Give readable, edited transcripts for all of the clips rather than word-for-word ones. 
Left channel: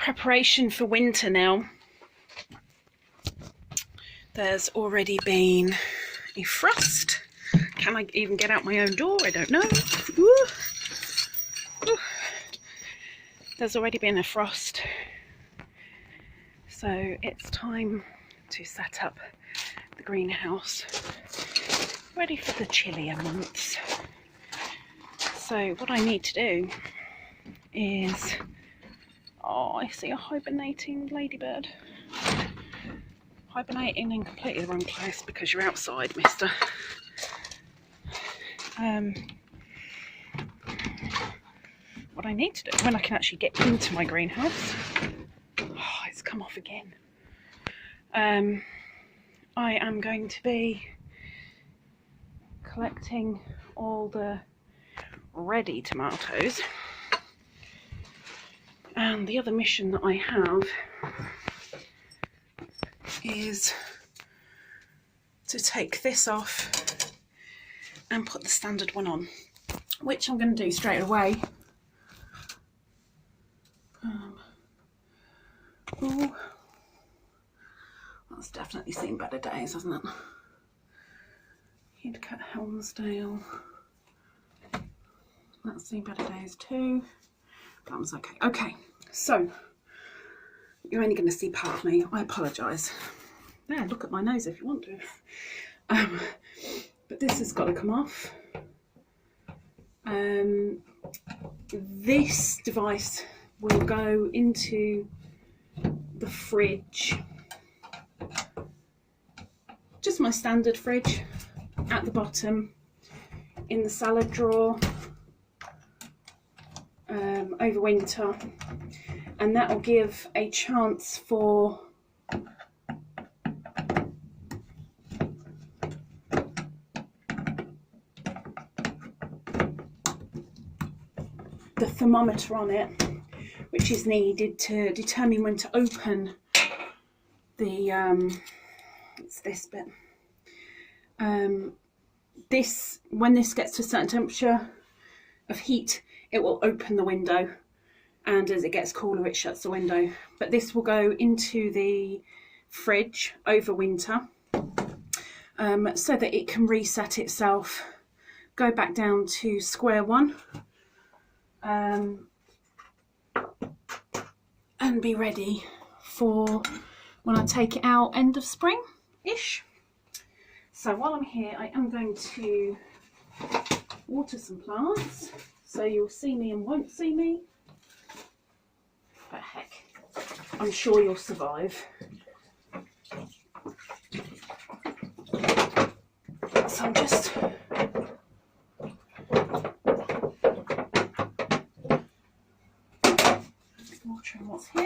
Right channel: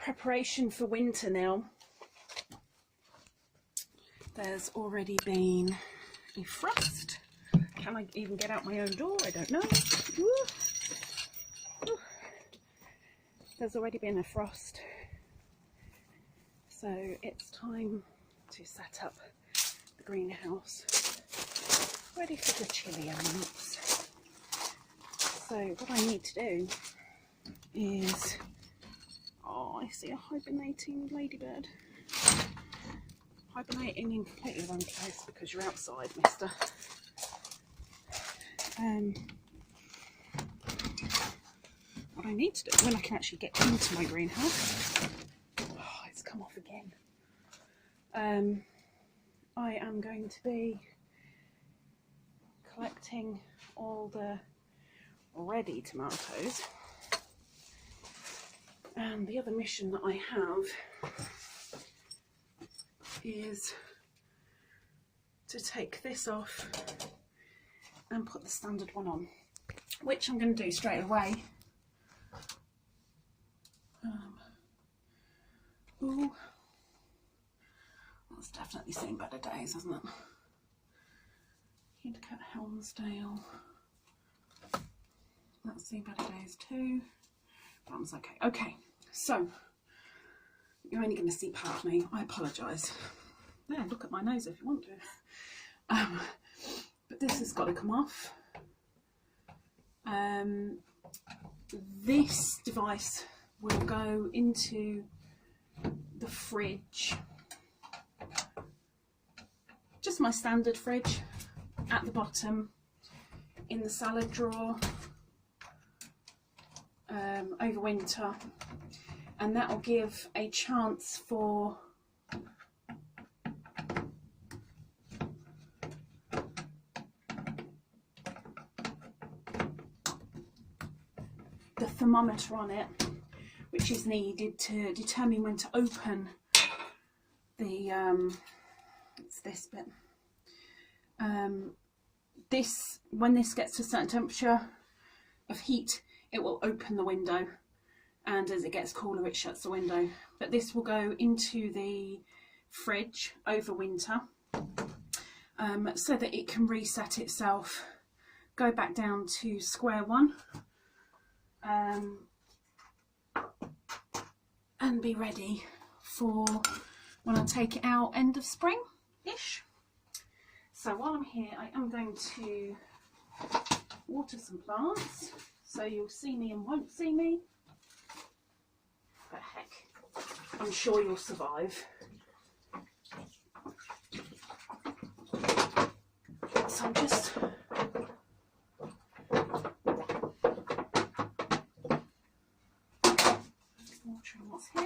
preparation for winter now. There's already been a frost. Can I even get out my own door? I don't know. Ooh. Ooh. There's already been a frost. So it's time to set up the greenhouse, ready for the chillier months. So what I need to do is, oh, I see a hibernating ladybird. Hibernating in completely the wrong place because you're outside, mister. What I need to do, when I can actually get into my greenhouse, oh, it's come off again. I am going to be collecting all the ready tomatoes, and the other mission that I have is to take this off and put the standard one on, which I'm going to do straight away. Ooh, that's definitely seen better days, hasn't it? Kid Cat Helmsdale, that's seen better days too. That was okay. Okay, so you're only going to see part of me. I apologise. Yeah, look at my nose if you want to. But this has got to come off. This device will go into the fridge, just my standard fridge at the bottom in the salad drawer over winter, and that will give a chance for the thermometer on it, which is needed to determine when to open the it's this bit. When this gets to a certain temperature of heat, it will open the window, and as it gets cooler it shuts the window. But this will go into the fridge over winter, so that it can reset itself, go back down to square one, and be ready for when I take it out end of spring-ish. So while I'm here, I am going to water some plants, so you'll see me and won't see me. But heck, I'm sure you'll survive. So I'm just watering what's here.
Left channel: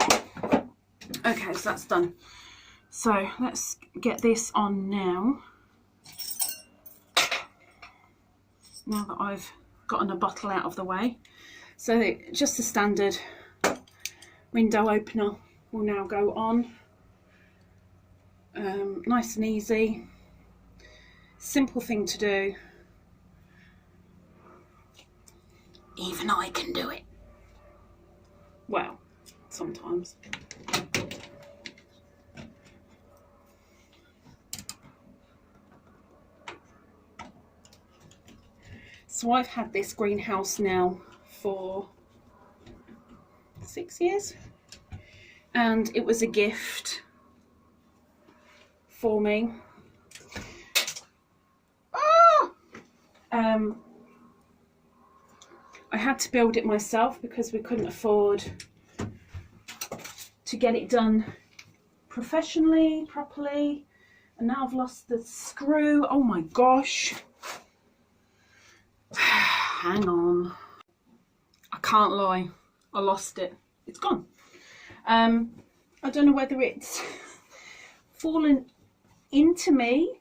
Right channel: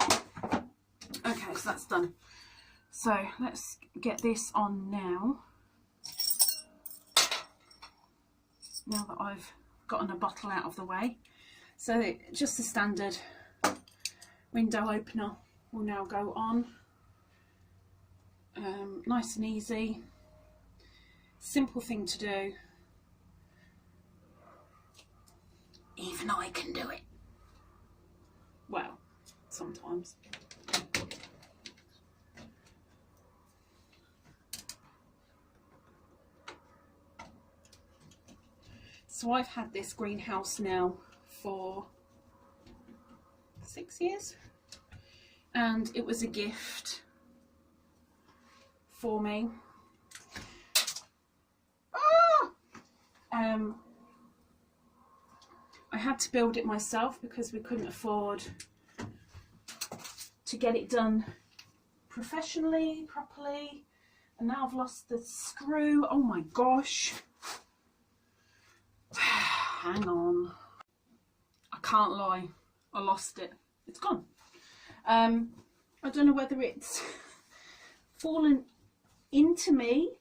Okay, so that's done. So let's get this on now. Now that I've gotten a bottle out of the way. So just the standard window opener will now go on. Nice and easy. Simple thing to do. Even I can do it. Well, sometimes. So I've had this greenhouse now for 6 years, and it was a gift for me. I had to build it myself because we couldn't afford to get it done professionally, properly, and now I've lost the screw. Oh my gosh. Hang on. I can't lie. I lost it. It's gone. I don't know whether it's fallen into me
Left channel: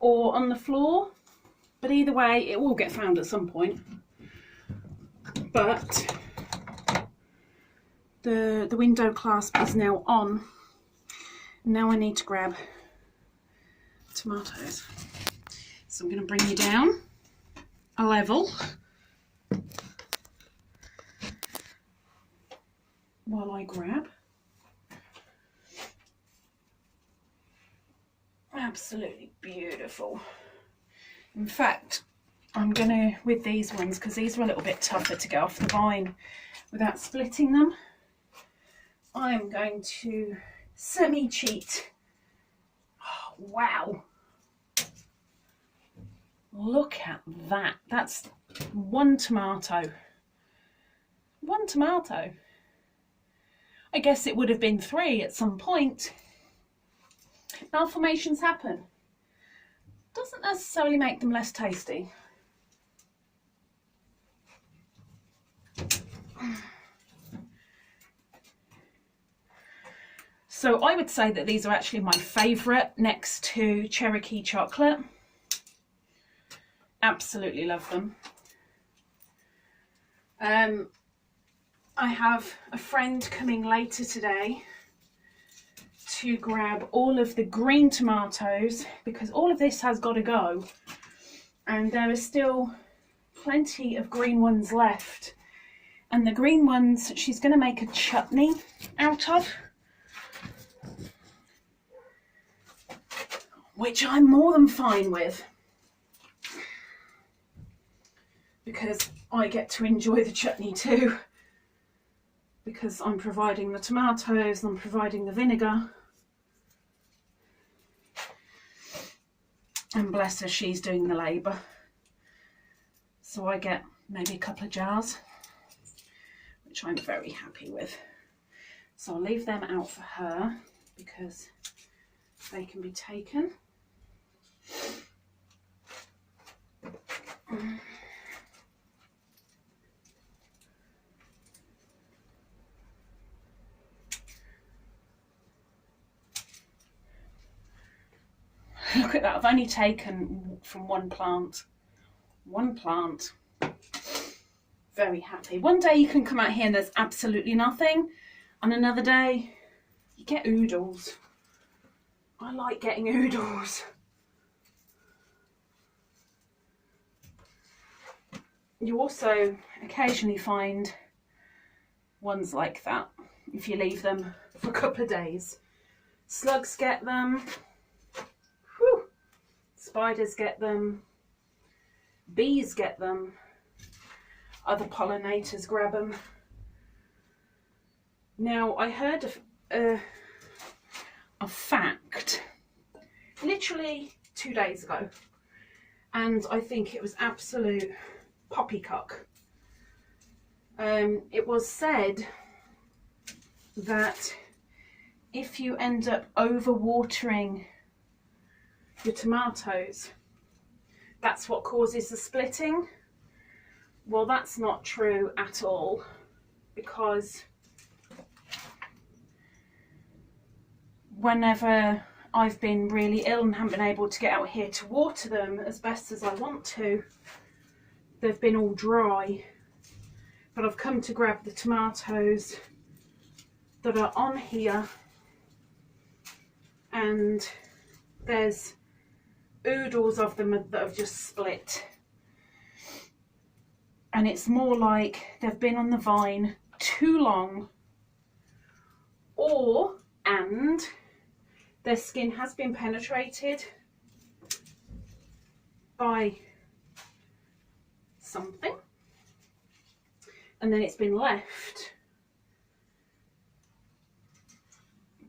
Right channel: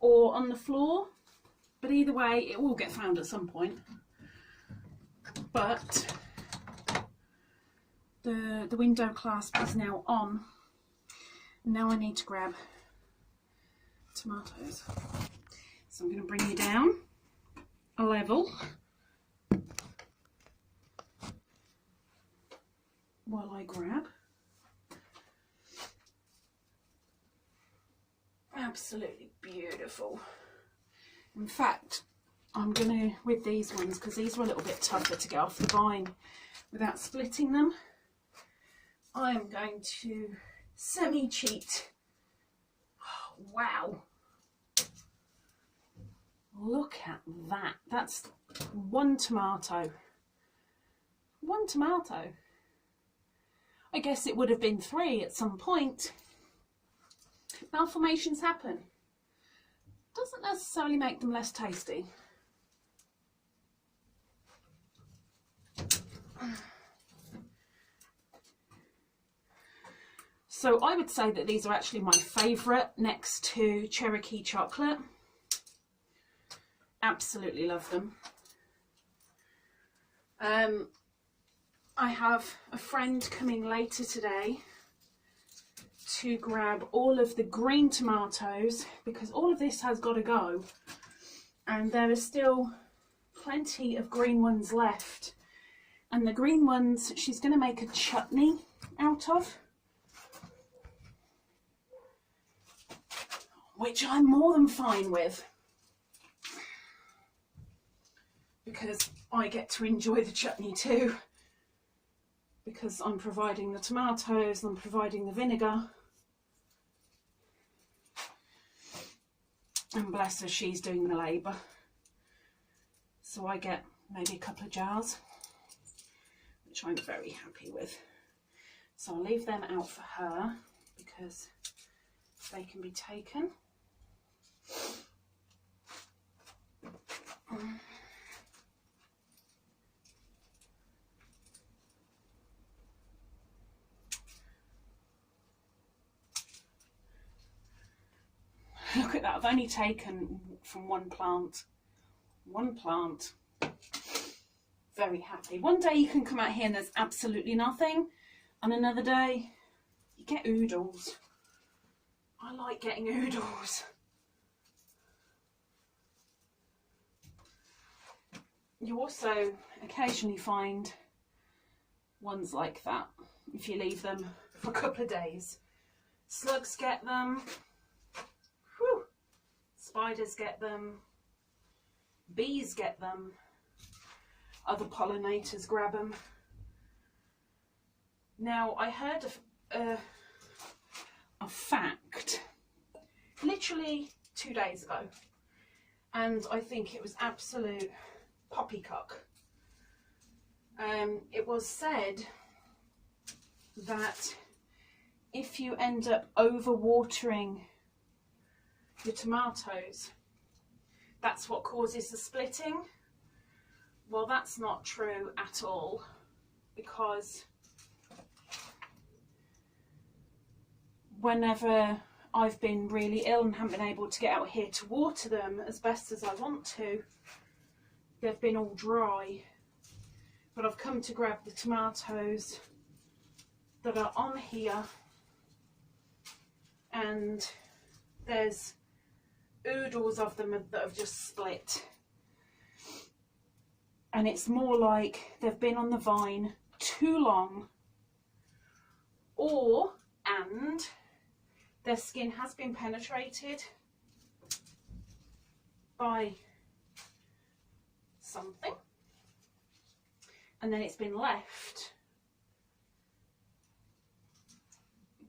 or on the floor, but either way it will get found at some point. But the window clasp is now on. Now I need to grab tomatoes. So I'm going to bring you down a level. while I grab. Absolutely beautiful. In fact, I'm gonna, with these ones, because these are a little bit tougher to get off the vine without splitting them, I am going to semi-cheat. Oh, wow. Look at that. That's one tomato. One tomato. I guess it would have been 3 at some point. Malformations happen. Doesn't necessarily make them less tasty. So I would say that these are actually my favourite next to Cherokee chocolate. Absolutely love them. I have a friend coming later today to grab all of the green tomatoes because all of this has got to go, and there are still plenty of green ones left, and the green ones she's going to make a chutney out of, which I'm more than fine with because I get to enjoy the chutney too, because I'm providing the tomatoes, I'm providing the vinegar. And bless her, she's doing the labour. So I get maybe a couple of jars, which I'm very happy with. So I'll leave them out for her because they can be taken. Look at that, I've only taken from one plant. One plant. Very happy. One day you can come out here and there's absolutely nothing, and another day you get oodles. I like getting oodles. You also occasionally find ones like that if you leave them for a couple of days. Slugs get them. Whew. Spiders get them. Bees get them. Other pollinators grab them. Now, I heard a fact literally 2 days ago, and I think it was absolute poppycock. It was said that if you end up overwatering your tomatoes, that's what causes the splitting. Well, that's not true at all, because whenever I've been really ill and haven't been able to get out here to water them as best as I want to, they've been all dry. But I've come to grab the tomatoes that are on here, and there's oodles of them that have just split. And it's more like they've been on the vine too long, and their skin has been penetrated by something, and then it's been left.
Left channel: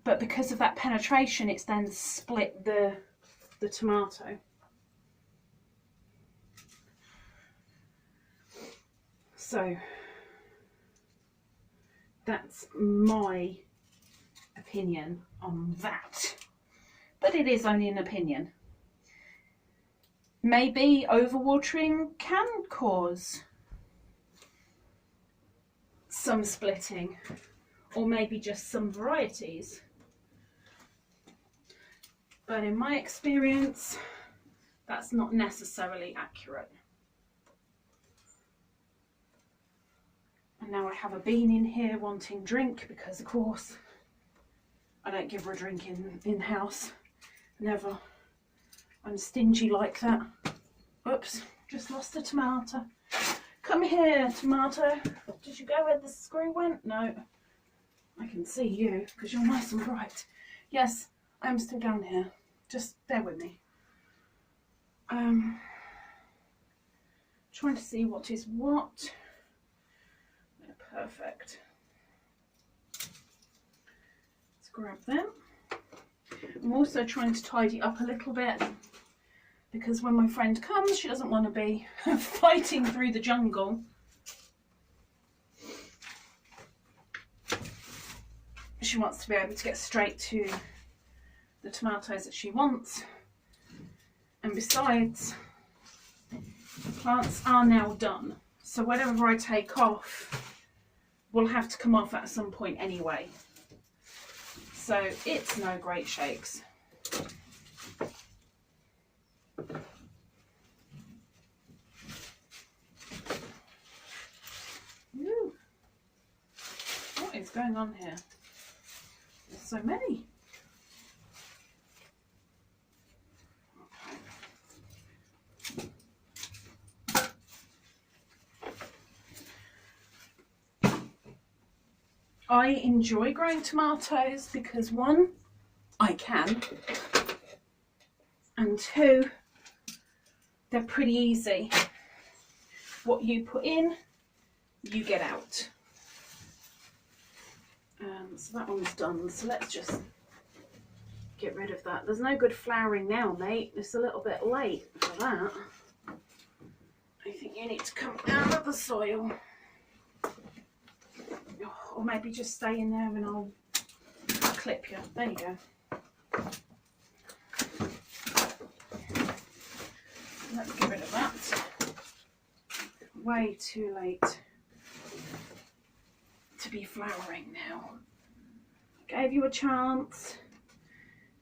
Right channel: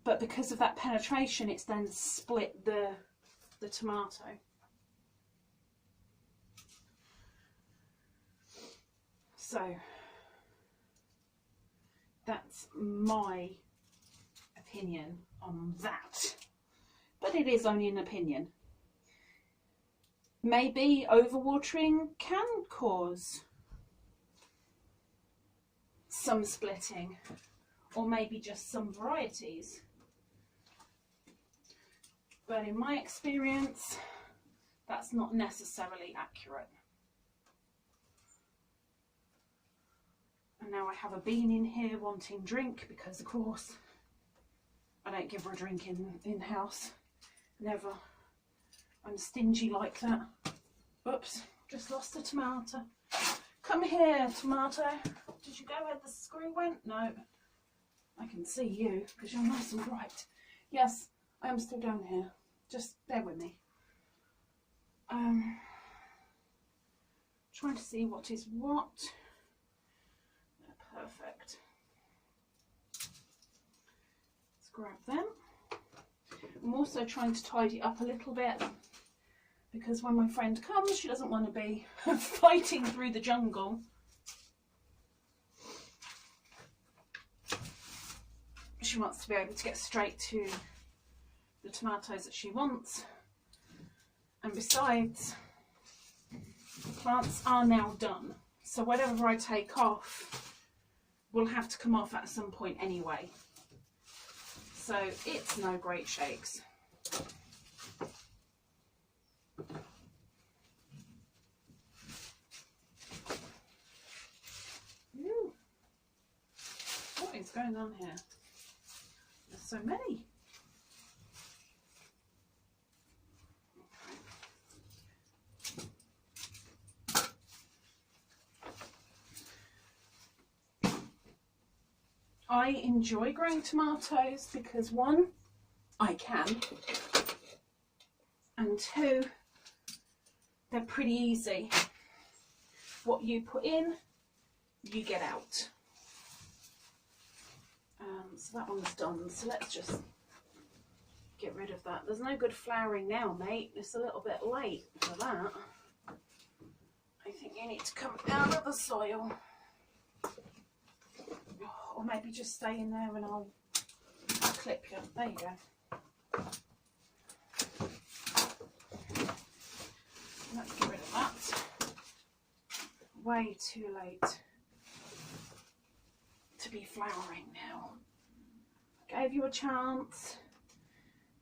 But because of that penetration, it's then split the tomato. So that's my opinion on that. But it is only an opinion. Maybe overwatering can cause some splitting, or maybe just some varieties. But in my experience, that's not necessarily accurate. And now I have a bean in here wanting drink, because of course I don't give her a drink in house. Never. I'm stingy like that. Oops, just lost a tomato. Come here, tomato. Did you go where the screw went? No. I can see you because you're nice and bright. Yes, I'm still down here. Just bear with me. Trying to see what is what. They're perfect. Let's grab them. I'm also trying to tidy up a little bit because when my friend comes, she doesn't want to be fighting through the jungle. She wants to be able to get straight to the tomatoes that she wants. And besides, the plants are now done. So whatever I take off will have to come off at some point anyway. So it's no great shakes. Ooh. What is going on here? There's so many. I enjoy growing tomatoes because one, I can, and two, they're pretty easy. What you put in, you get out. So that one's done, so let's just get rid of that. There's no good flowering now, mate. It's a little bit late for that. I think you need to come out of the soil. Or maybe just stay in there and I'll clip you. There you go. Let's get rid of that. Way too late to be flowering now. I gave you a chance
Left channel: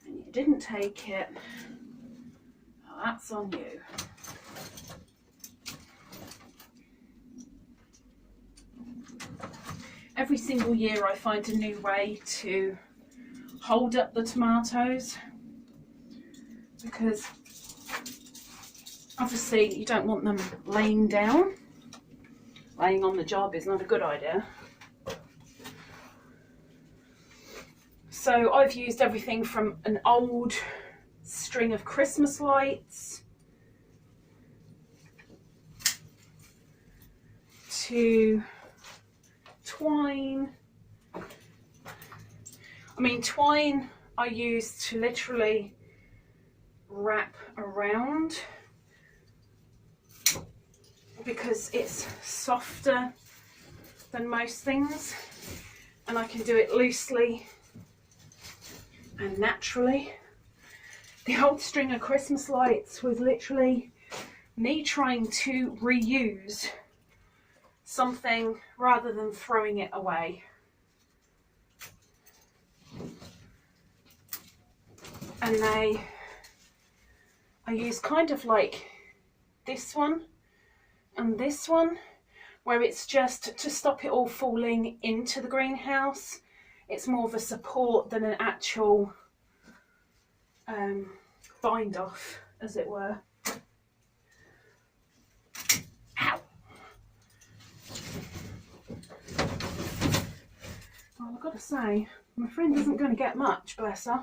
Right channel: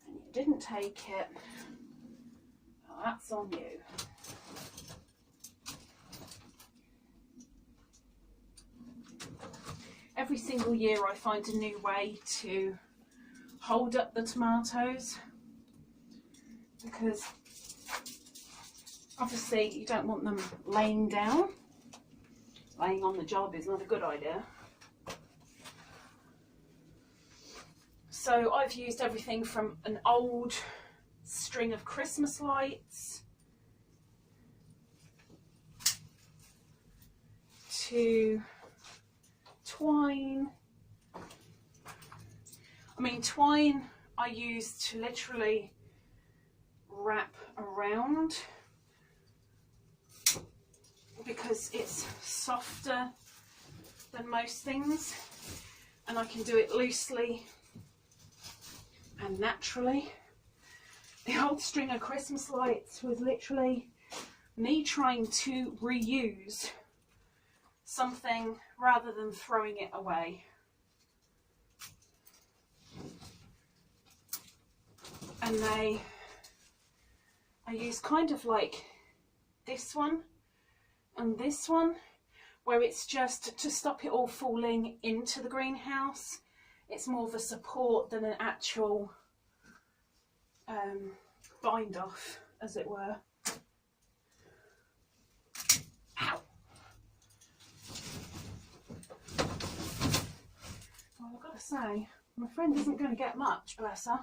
and you didn't take it. Well, that's on you. Every single year I find a new way to hold up the tomatoes because obviously you don't want them laying down. Laying on the job is not a good idea. So I've used everything from an old string of Christmas lights to twine. I mean, twine I use to literally wrap around because it's softer than most things and I can do it loosely and naturally. The old string of Christmas lights was literally me trying to reuse something rather than throwing it away. And I use kind of like this one and this one, where it's just to stop it all falling into the greenhouse. It's more of a support than an actual bind off, as it were. Ow! Well, I've got to say, my friend isn't going to get much, bless her.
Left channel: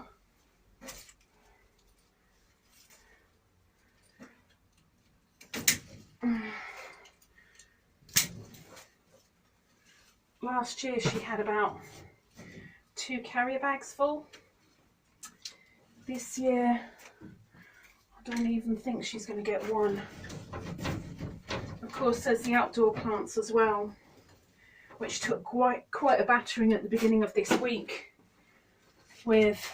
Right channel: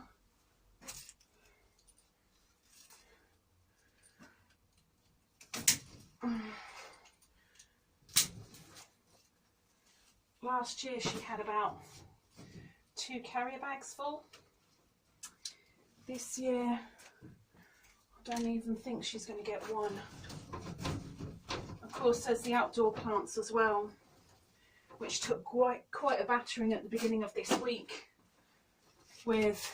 Last year she had about 2 carrier bags full. This year I don't even think she's going to get one. Of course there's the outdoor plants as well, which took quite a battering at the beginning of this week with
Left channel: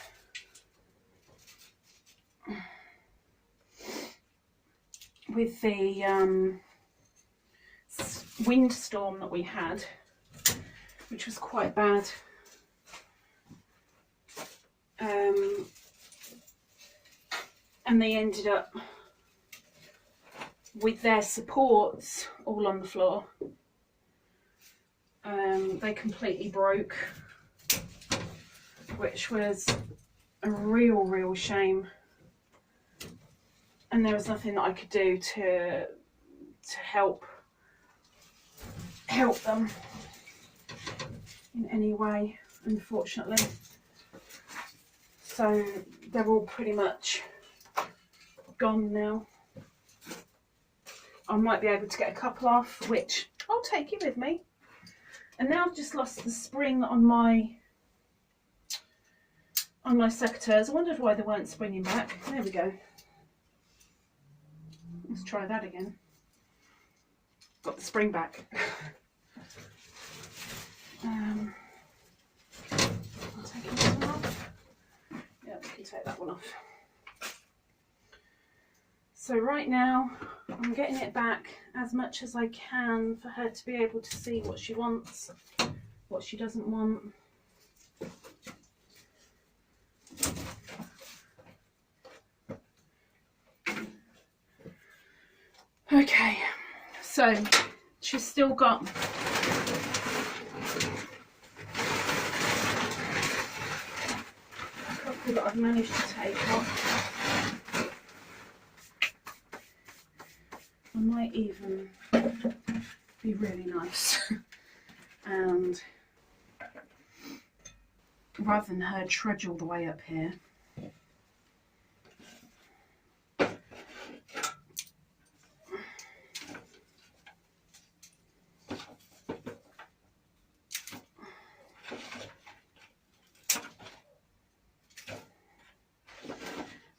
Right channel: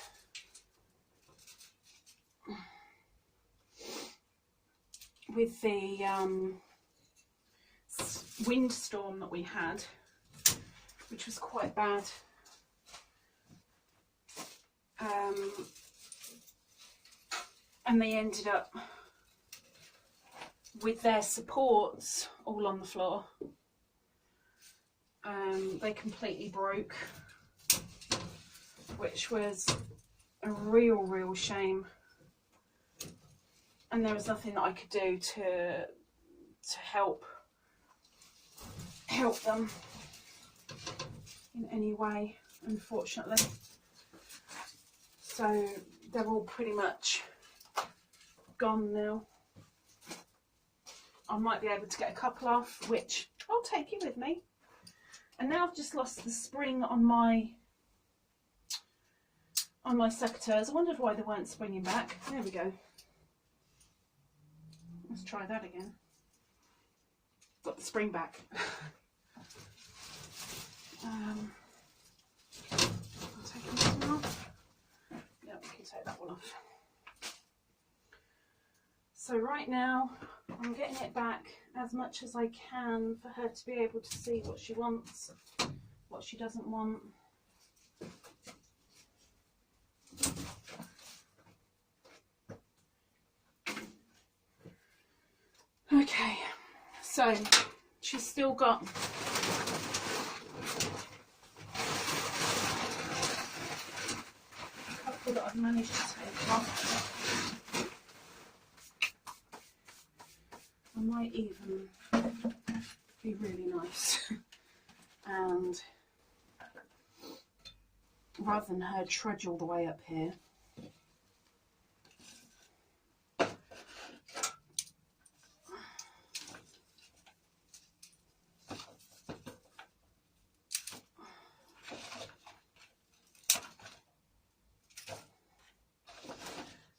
the windstorm that we had, which was quite bad. And they ended up with their supports all on the floor. They completely broke, which was a real shame. And there was nothing that I could do to help them in any way. unfortunately. So they're all pretty much gone now. I might be able to get a couple off, which I'll take you with me. And now I've just lost the spring on my secateurs. I wondered why they weren't springing back. There we go. Let's try that again. Got the spring back. I'm taking this one off. Yeah, we can take that one off. So right now I'm getting it back as much as I can for her to be able to see what she wants, what she doesn't want. Okay, so she's still got a couple that I've managed to take off. I might even be really nice and rather than her trudge all the way up here,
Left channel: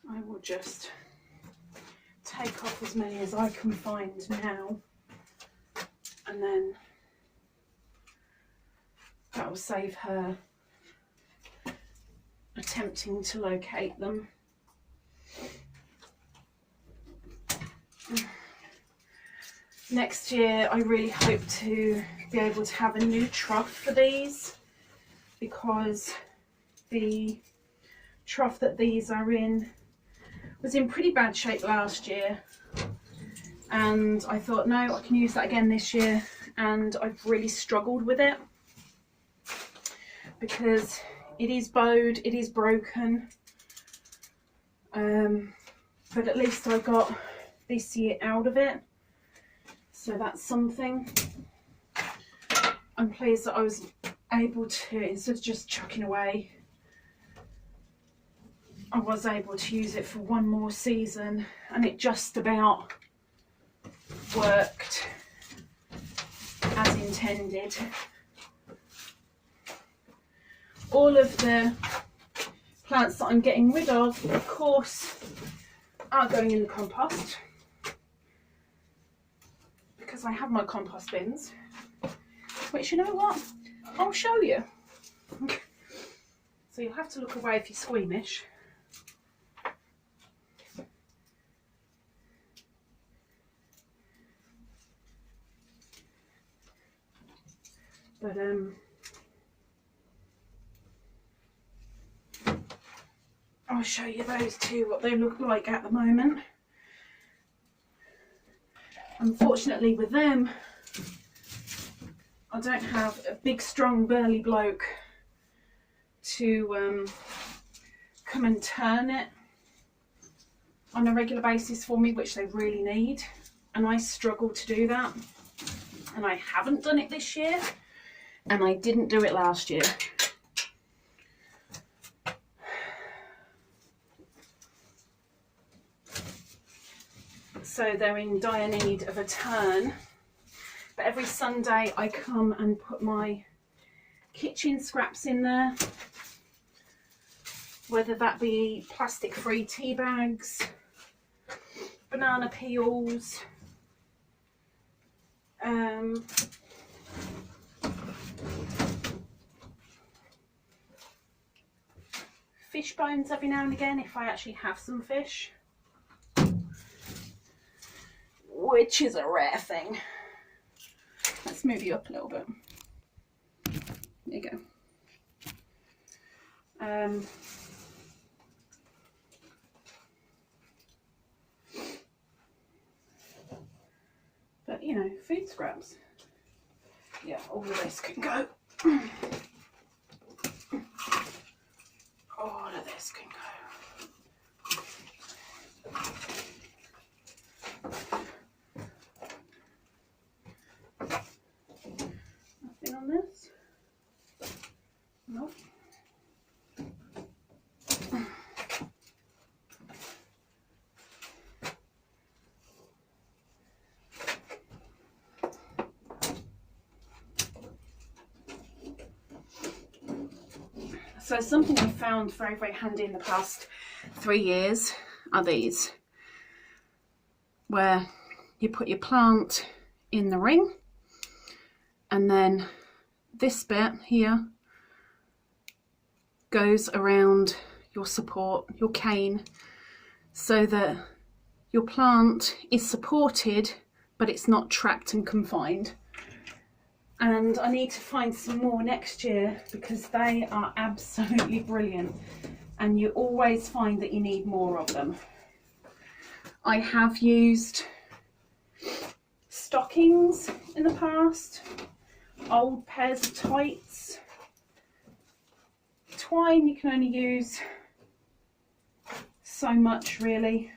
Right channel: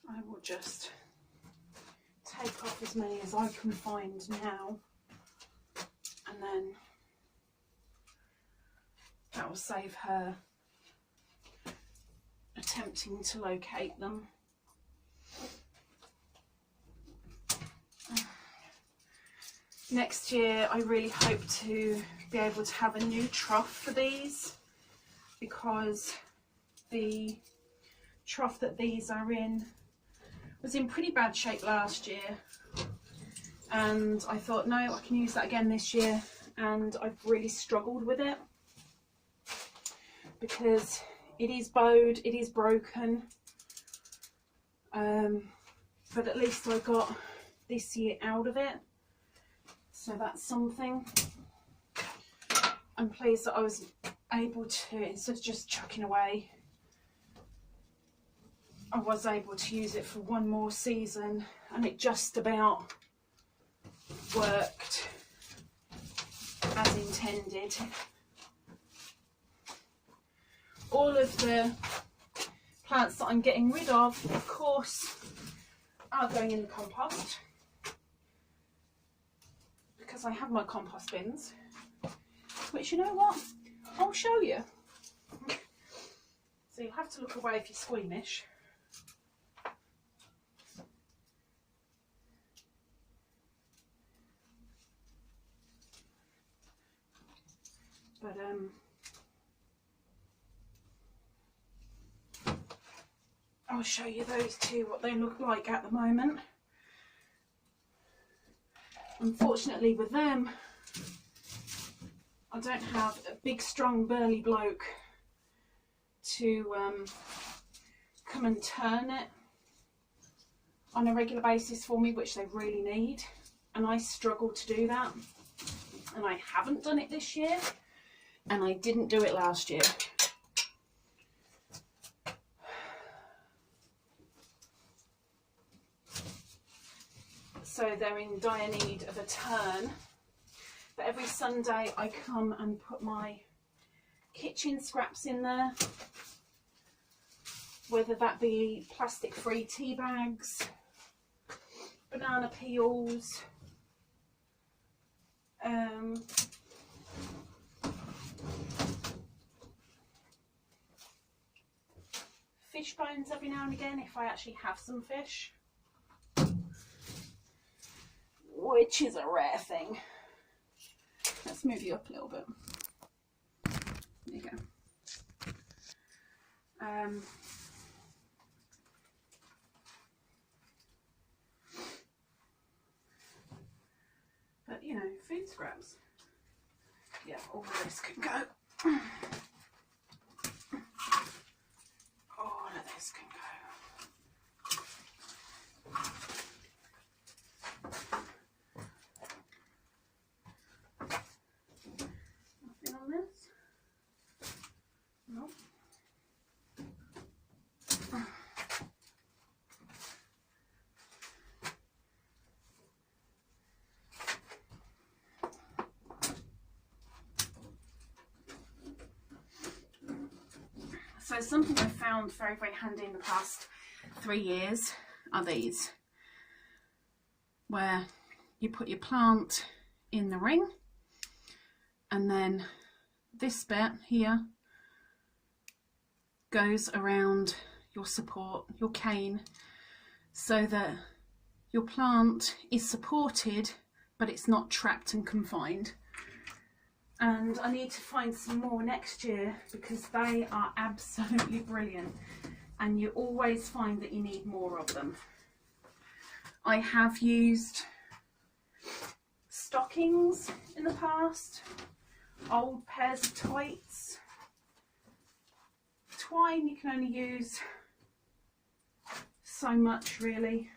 I will just take off as many as I can find now, and then that will save her attempting to locate them. Next year I really hope to be able to have a new trough for these, because the trough that these are in was in pretty bad shape last year, and I thought, no, I can use that again this year, and I've really struggled with it because it is bowed, it is broken, but at least I got this year out of it, so that's something. I'm pleased that I was able to, instead of just chucking away, I was able to use it for one more season, and it just about worked as intended. All of the plants that I'm getting rid of course, are going in the compost, because I have my compost bins, which, you know what, I'll show you. So you'll have to look away if you're squeamish. But I'll show you those two, what they look like at the moment. Unfortunately with them, I don't have a big strong burly bloke to come and turn it on a regular basis for me, which they really need, and I struggle to do that, and I haven't done it this year, and I didn't do it last year. So they're in dire need of a turn. But every Sunday I come and put my kitchen scraps in there, whether that be plastic free tea bags, banana peels, fish bones every now and again if I actually have some fish, which is a rare thing. Let's move you up a little bit. There you go. But you know, food scraps. Yeah, all of this can go. All of this can go. Nothing on this. Nope. So something I found very, very handy in the past 3 years are these, where you put your plant in the ring and then this bit here goes around your support, your cane, so that your plant is supported but it's not trapped and confined. And I need to find some more next year because they are absolutely brilliant, and you always find that you need more of them. I have used stockings in the past, old pairs of tights. Twine you can only use so much really,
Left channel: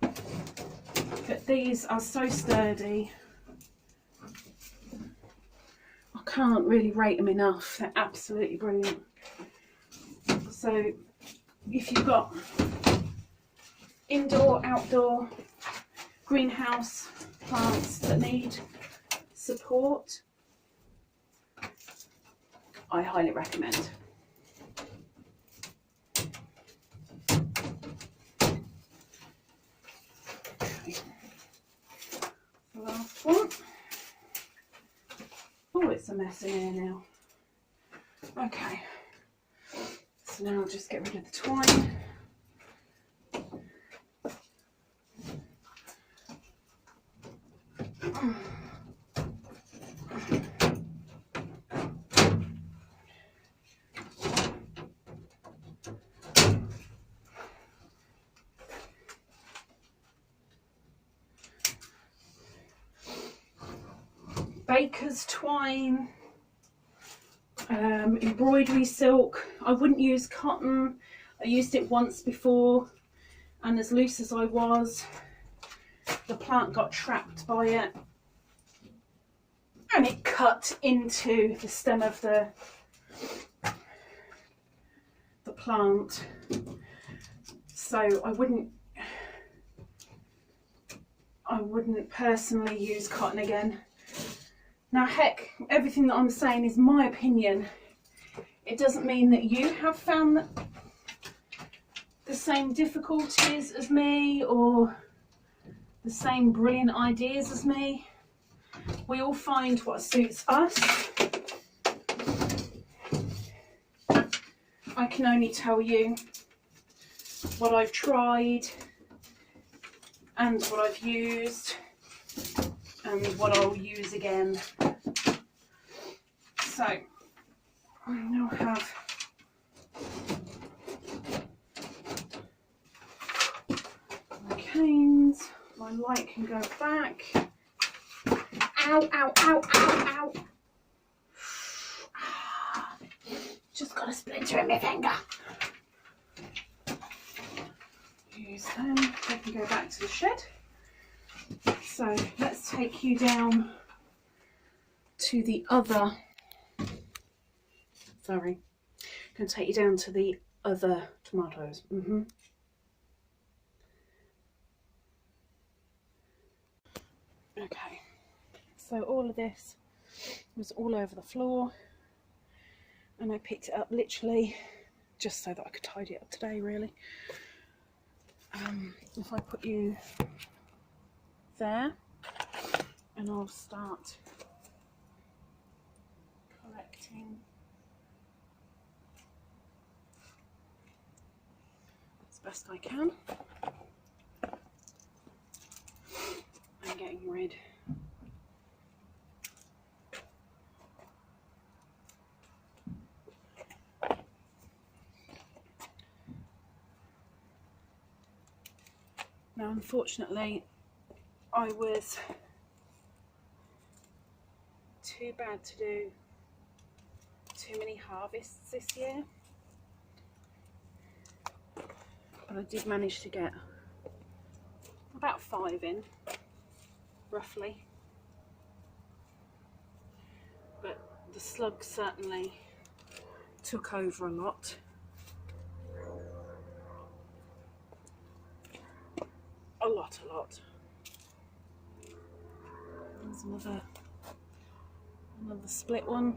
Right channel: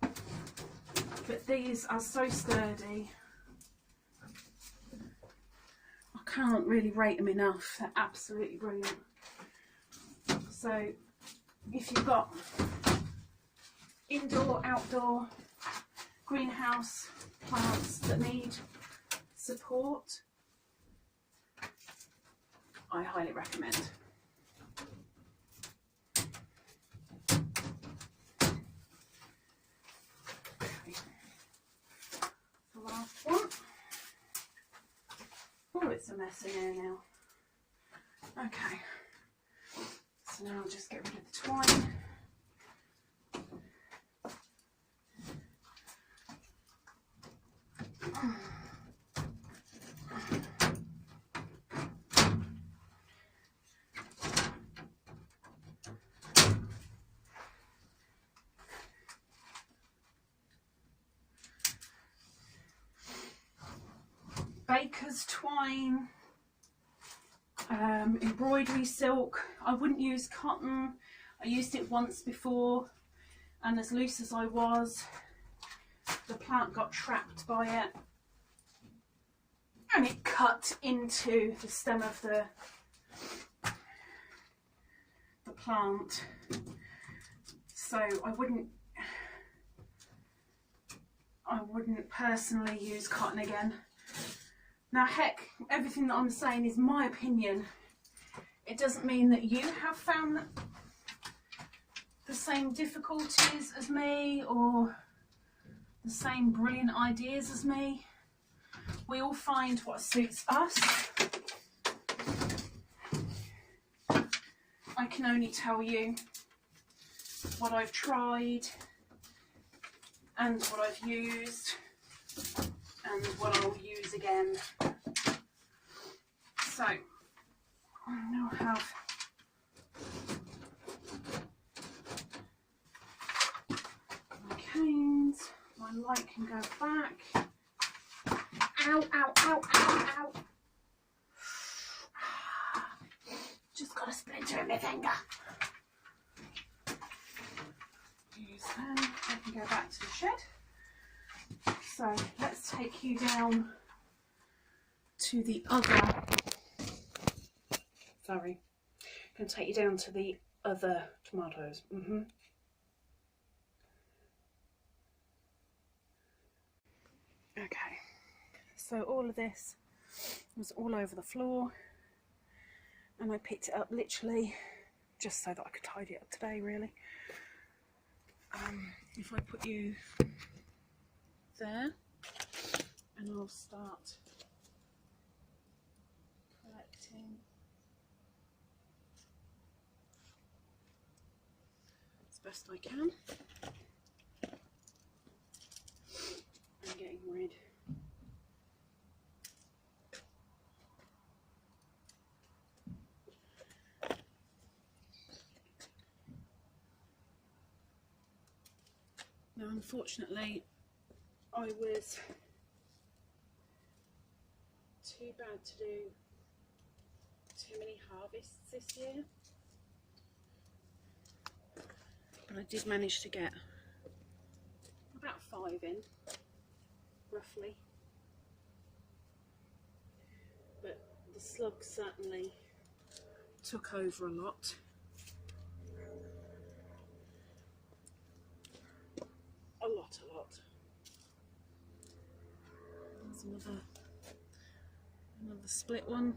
but these are so sturdy. I can't really rate them enough. They're absolutely brilliant. So if you've got indoor, outdoor, greenhouse plants that need support, I highly recommend. Okay. The last one. Oh, it's a mess in here now. Okay, so now I'll just get rid of the twine. Baker's twine, embroidery silk. I wouldn't use cotton. I used it once before, and as loose as I was, the plant got trapped by it and it cut into the stem of the plant. So I wouldn't personally use cotton again. Now heck, everything that I'm saying is my opinion. It doesn't mean that you have found the same difficulties as me or the same brilliant ideas as me. We all find what suits us. I can only tell you what I've tried and what I've used and what I'll use again. So I now have my canes. My light can go back. Ow, ow, ow, ow, ow. Just got a splinter in my finger. Use them. I can go back to the shed. So let's take you down to the other, sorry, I'm going to take you down to the other tomatoes. Okay, so all of this was all over the floor and I picked it up literally just so that I could tidy it up today really. If I put you there and I'll start collecting as best I can and getting rid now. Unfortunately I was too bad to do too many harvests this year, but I did manage to get about 5 in, roughly. But the slugs certainly took over a lot. A lot. There's another split one.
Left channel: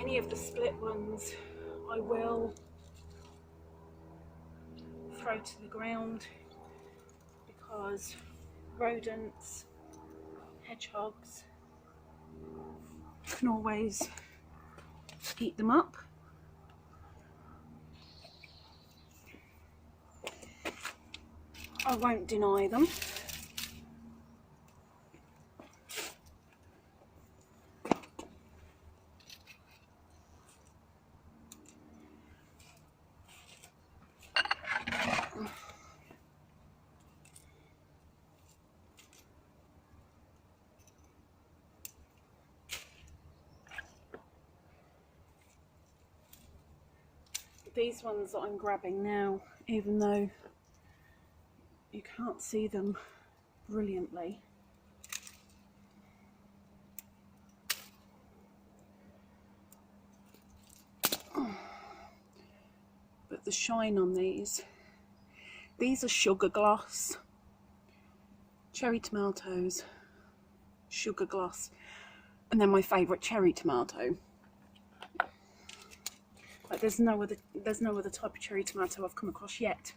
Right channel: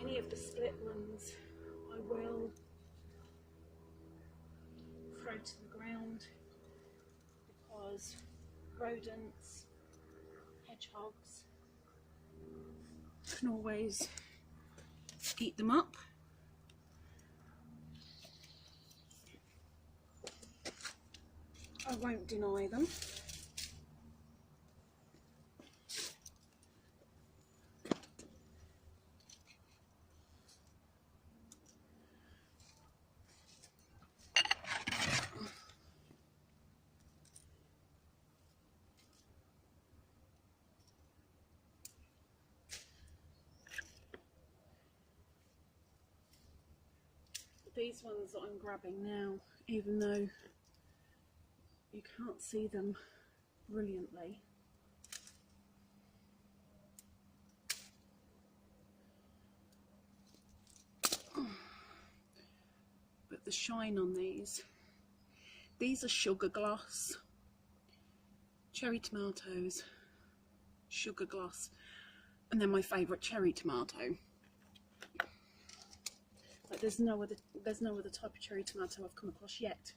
Any of the split ones I will throw to the ground because rodents, hedgehogs can always eat them up. I won't deny them. These ones that I'm grabbing now, even though you can't see them brilliantly, but the shine on these are sugar gloss, cherry tomatoes, sugar gloss, and then my favourite cherry tomato. Like there's no other type of cherry tomato I've come across yet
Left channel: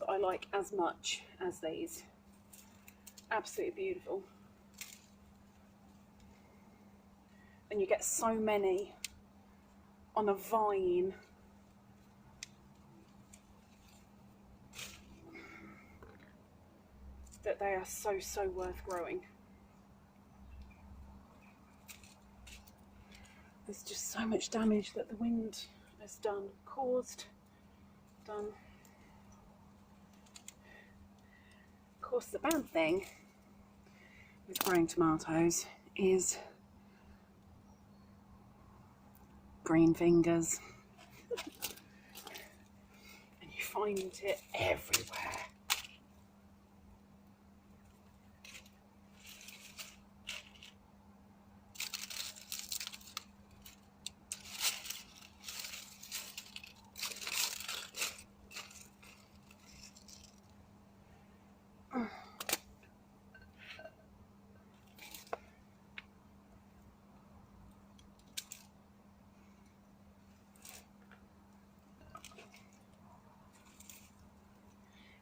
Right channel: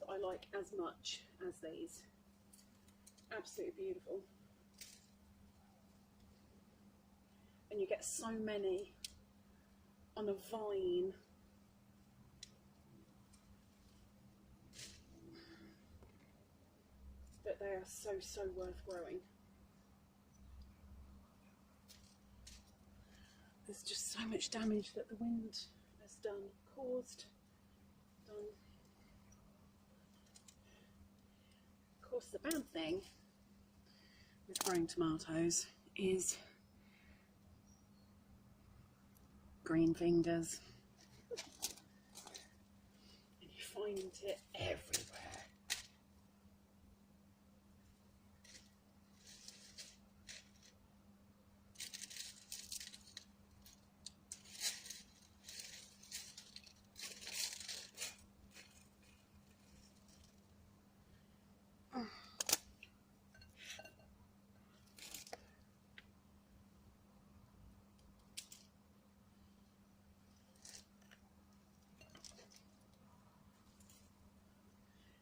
that I like as much as these. Absolutely beautiful. And you get so many on a vine. That they are so worth growing. There's just so much damage that the wind has caused. Of course, the bad thing with growing tomatoes is green fingers. And you find it everywhere.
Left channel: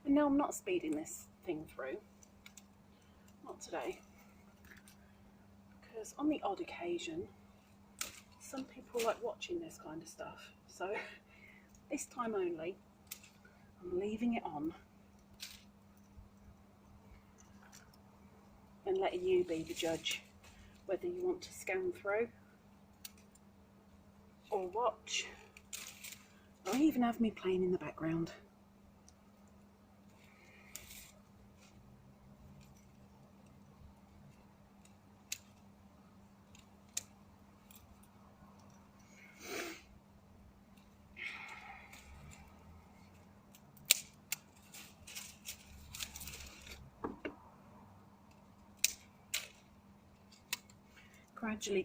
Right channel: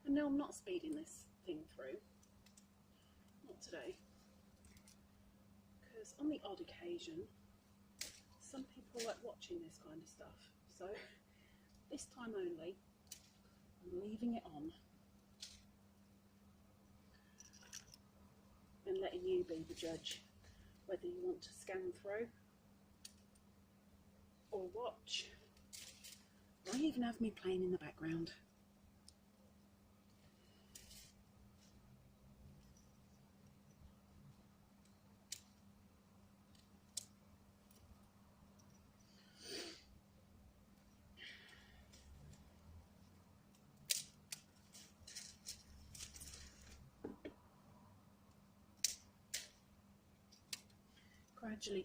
And now I'm not speeding this thing through. Not today. Because on the odd occasion, some people like watching this kind of stuff. So this time only, I'm leaving it on. And letting you be the judge whether you want to scan through or watch, or even have me playing in the background.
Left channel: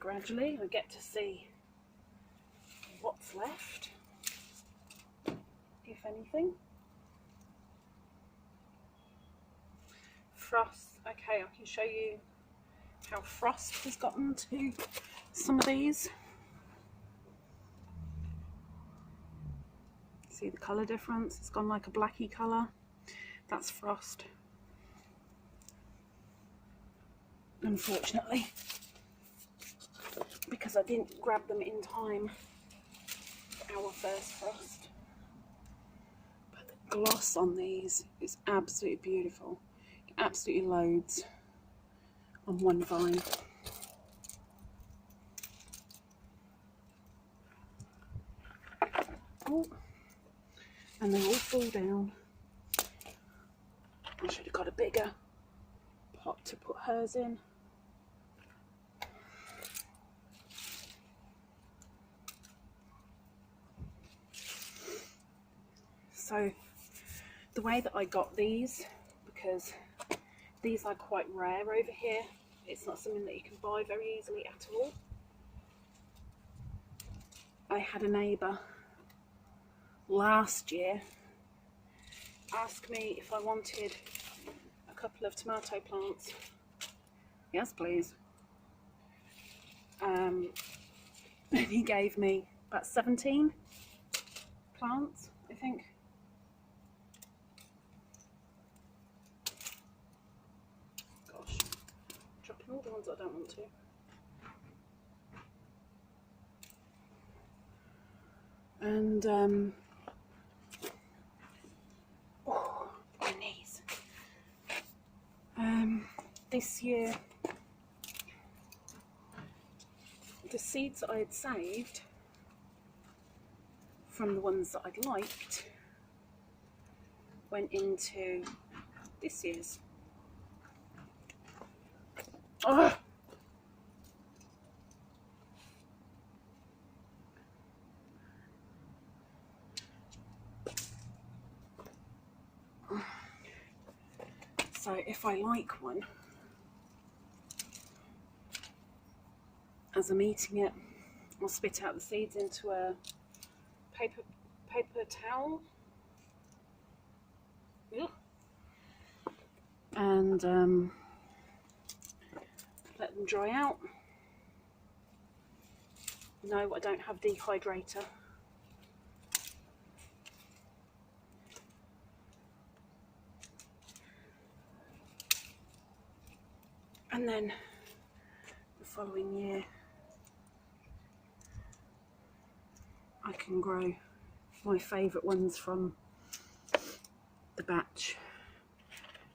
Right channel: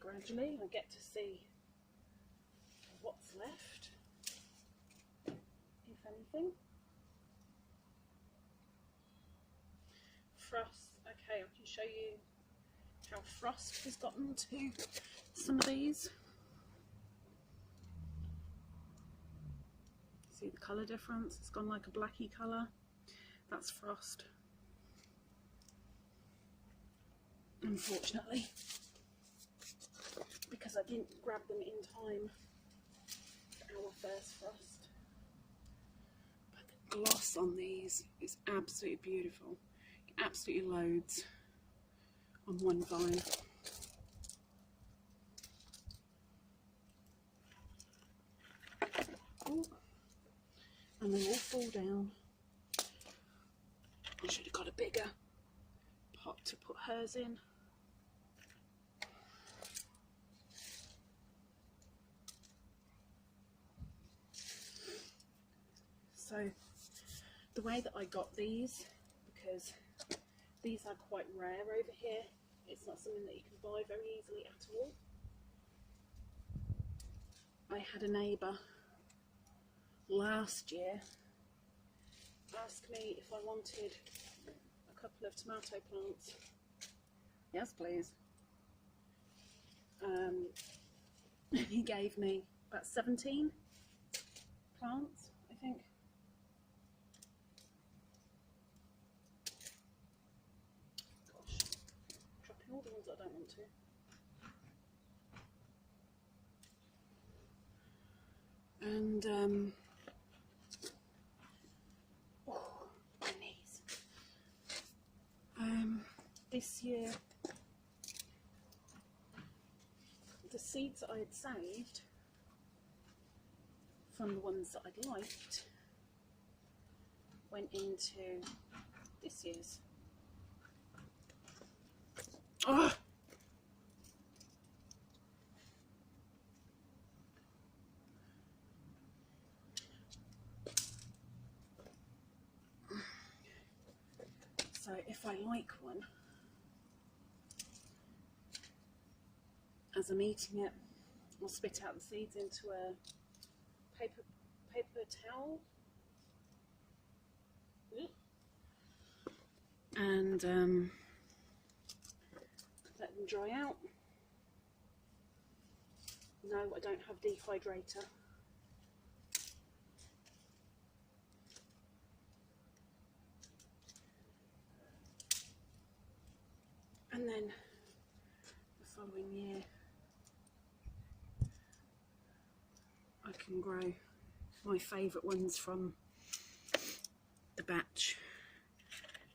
Gradually, I get to see what's left, if anything. Frost. Okay, I can show you how frost has gotten to some of these. See the colour difference? It's gone like a blacky colour. That's frost. Unfortunately, because I didn't grab them in time for our first frost. But the gloss on these is absolutely beautiful. Absolutely loads on one vine. Oh, and they all fall down. I should have got a bigger pot to put hers in. So the way that I got these, because These are quite rare over here. It's not something that you can buy very easily at all. I had a neighbour last year ask me if I wanted a couple of tomato plants. Yes, please. And he gave me about 17 plants, I think. Gosh, dropping all the ones I don't want to. And oh, my knees. This year, the seeds that I had saved from the ones that I'd liked went into this year's. Oh. So if I like one, as I'm eating it, I'll spit out the seeds into a paper towel. Ugh. And let them dry out. No, I don't have dehydrator. And then the following year I can grow my favourite ones from the batch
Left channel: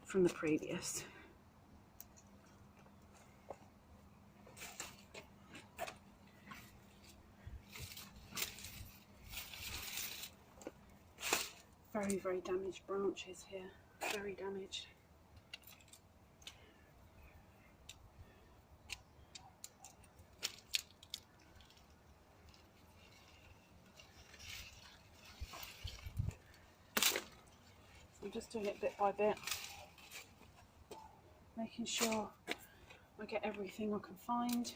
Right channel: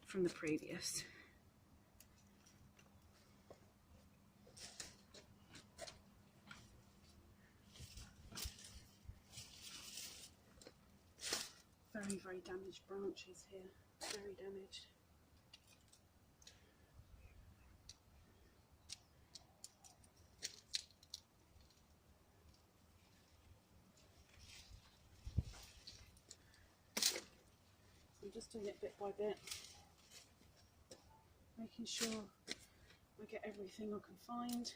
from the previous. Very, very damaged branches here, very damaged. I'm just doing it bit by bit, making sure I get everything I can find.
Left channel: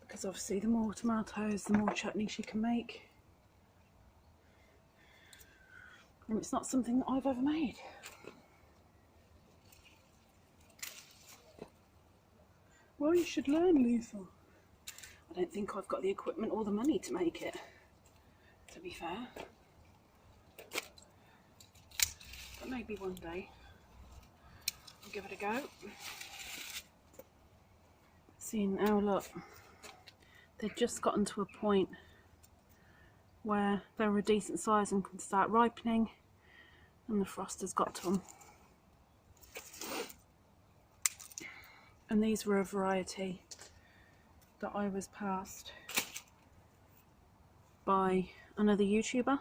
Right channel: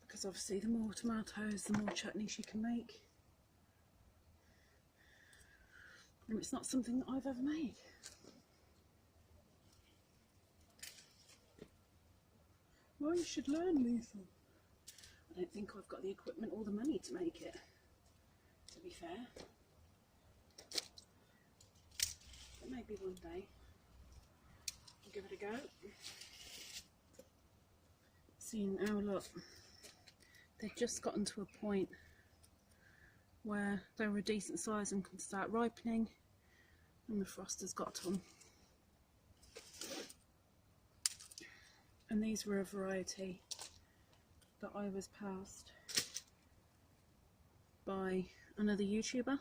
Because obviously the more tomatoes, the more chutneys you can make. And it's not something that I've ever made. Well, you should learn, Lisa. I don't think I've got the equipment or the money to make it, to be fair. But maybe one day I'll give it a go. See now, look, they've just gotten to a point where they're a decent size and can start ripening, and the frost has got to them. And these were a variety that I was passed by another YouTuber,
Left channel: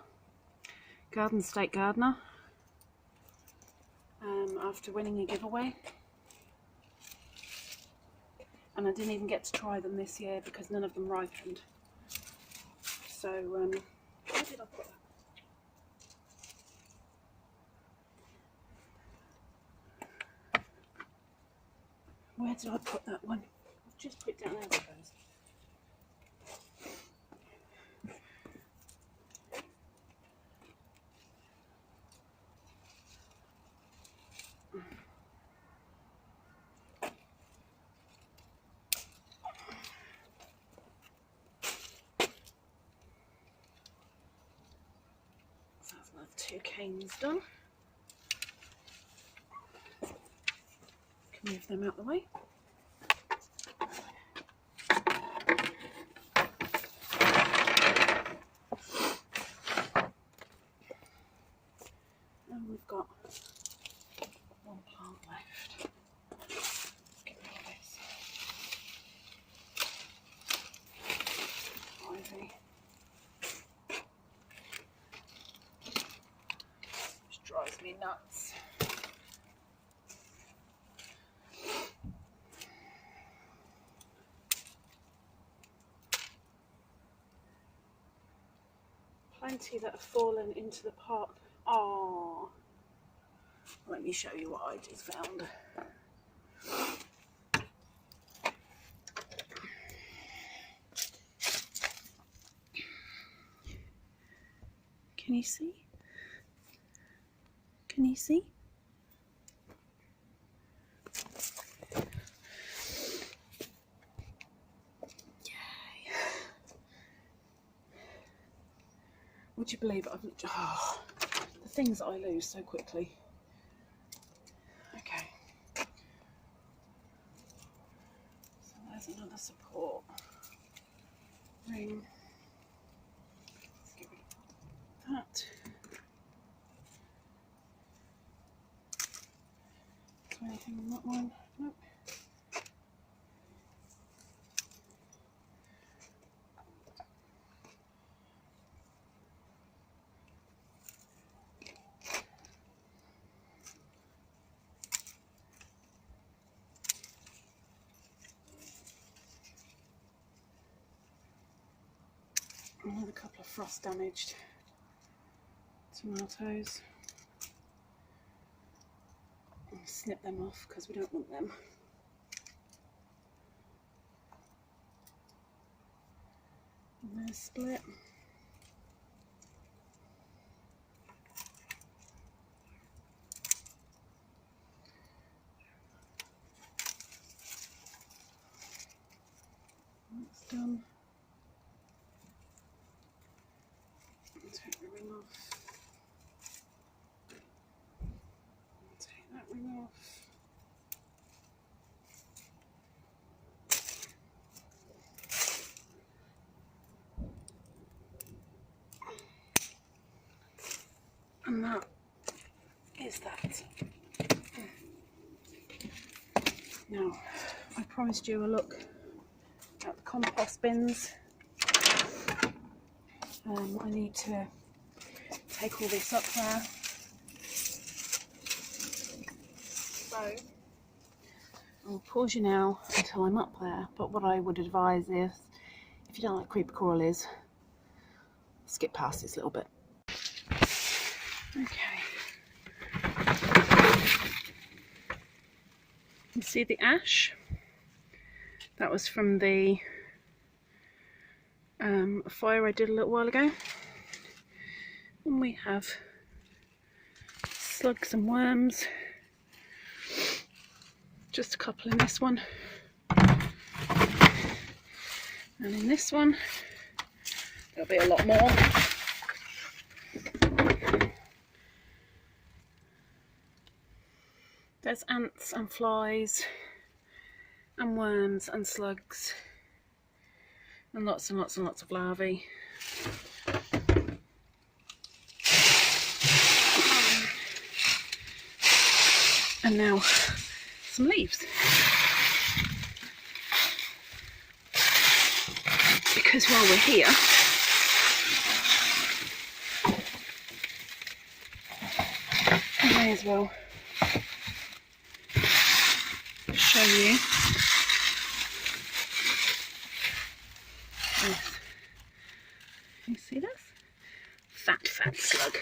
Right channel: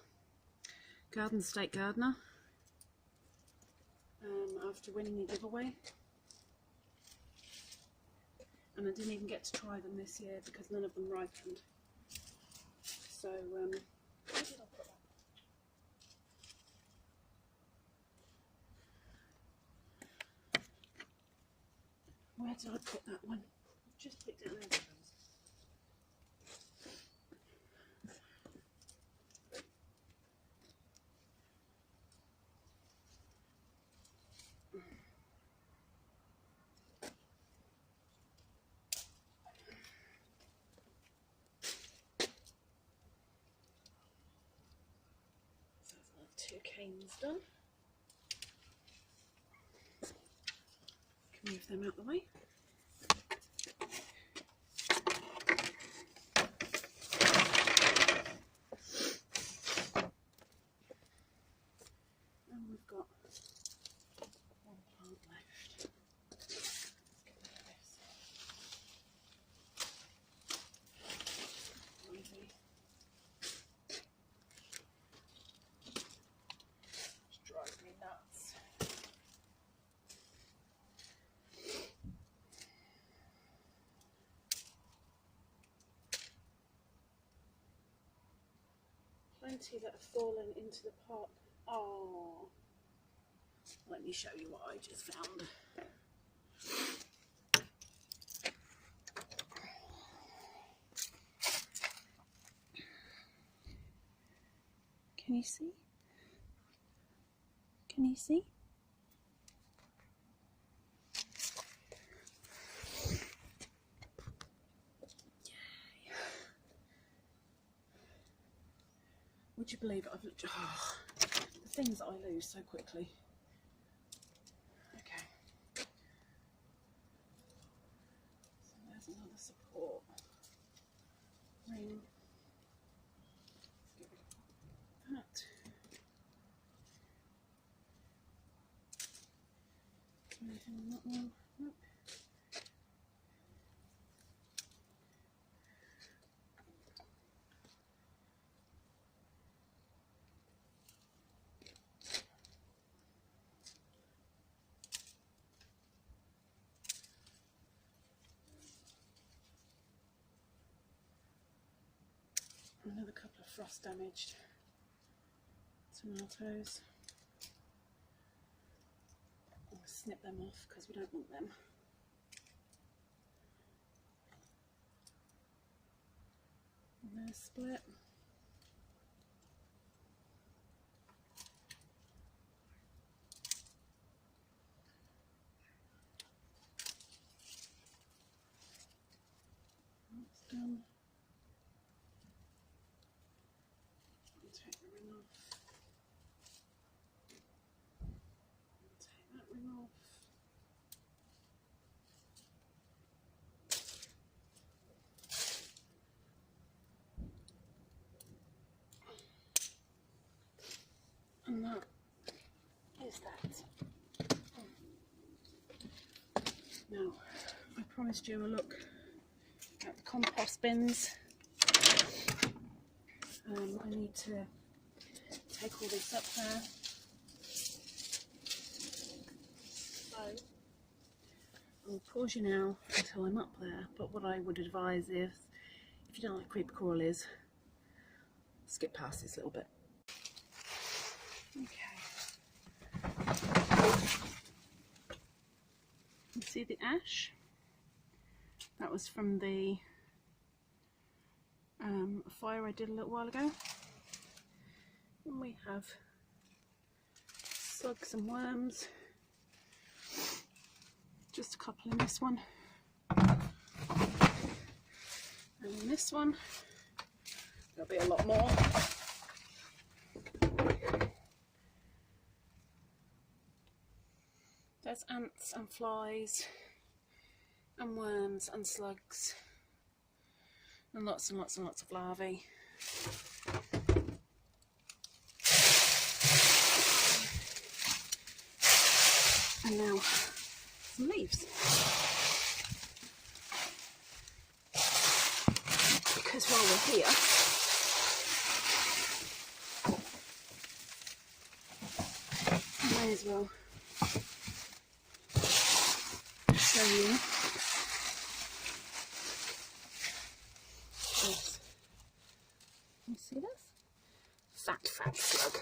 Garden State Gardener, after winning a giveaway. And I didn't even get to try them this year because none of them ripened. So, where did I put that? Where did I put that one? I'll just put it down there, I suppose. So that's another 2 canes done. Can move them out the way. And we've got 1 plant left. Let's get rid of this. Ivy. Just drives me nuts. Plenty that have fallen into the pot. Oh, let me show you what I just found. Can you see? Can you see? Yay. Would you believe it? Oh, the things that I lose so quickly. Okay. So there's another support ring. Let's get rid of that. Is there anything on that one? Nope. Another couple of frost damaged tomatoes. I'll snip them off because we don't want them. And they're split. That's done. Take the ring off. Take that ring off. And that is that. Now, I promised you a look at the compost bins. I need to take all this up there. So, I'll pause you now until I'm up there, but what I would advise is, if you don't like creeper crawlies, skip past this little bit. Okay. You see the ash? That was from the fire I did a little while ago. And we have slugs and worms. Just a couple in this one. And in this one, there'll be a lot more. There's ants and flies and worms and slugs and lots and lots and lots of larvae. And now some leaves. Because while we're here, I may as well show you this. You see this? Fat slug.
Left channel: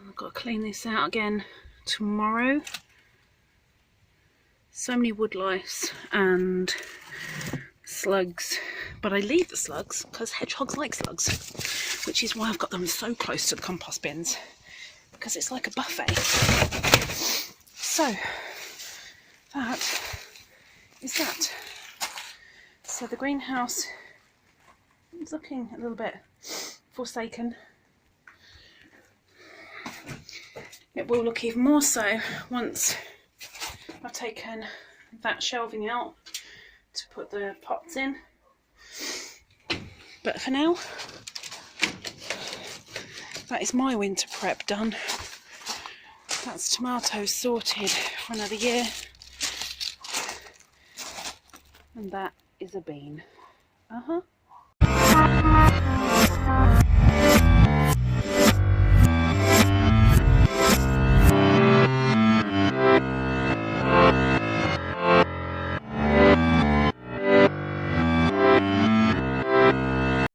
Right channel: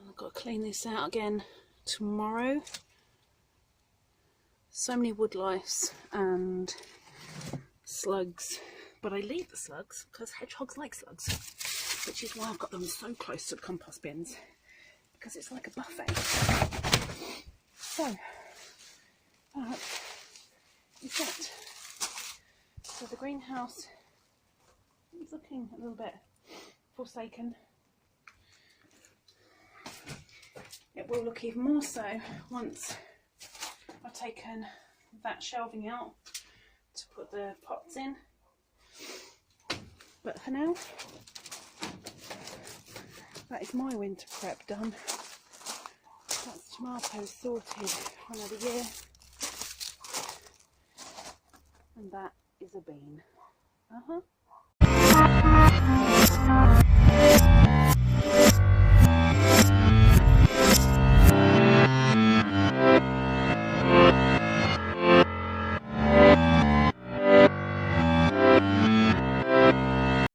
I've got to clean this out again tomorrow. So many wood lice and slugs, but I leave the slugs because hedgehogs like slugs, which is why I've got them so close to the compost bins, because it's like a buffet. So that is that. So the greenhouse is looking a little bit forsaken. It will look even more so once I've taken that shelving out to put the pots in. But for now, that is my winter prep done. That's tomatoes sorted for another year. And that is a bean.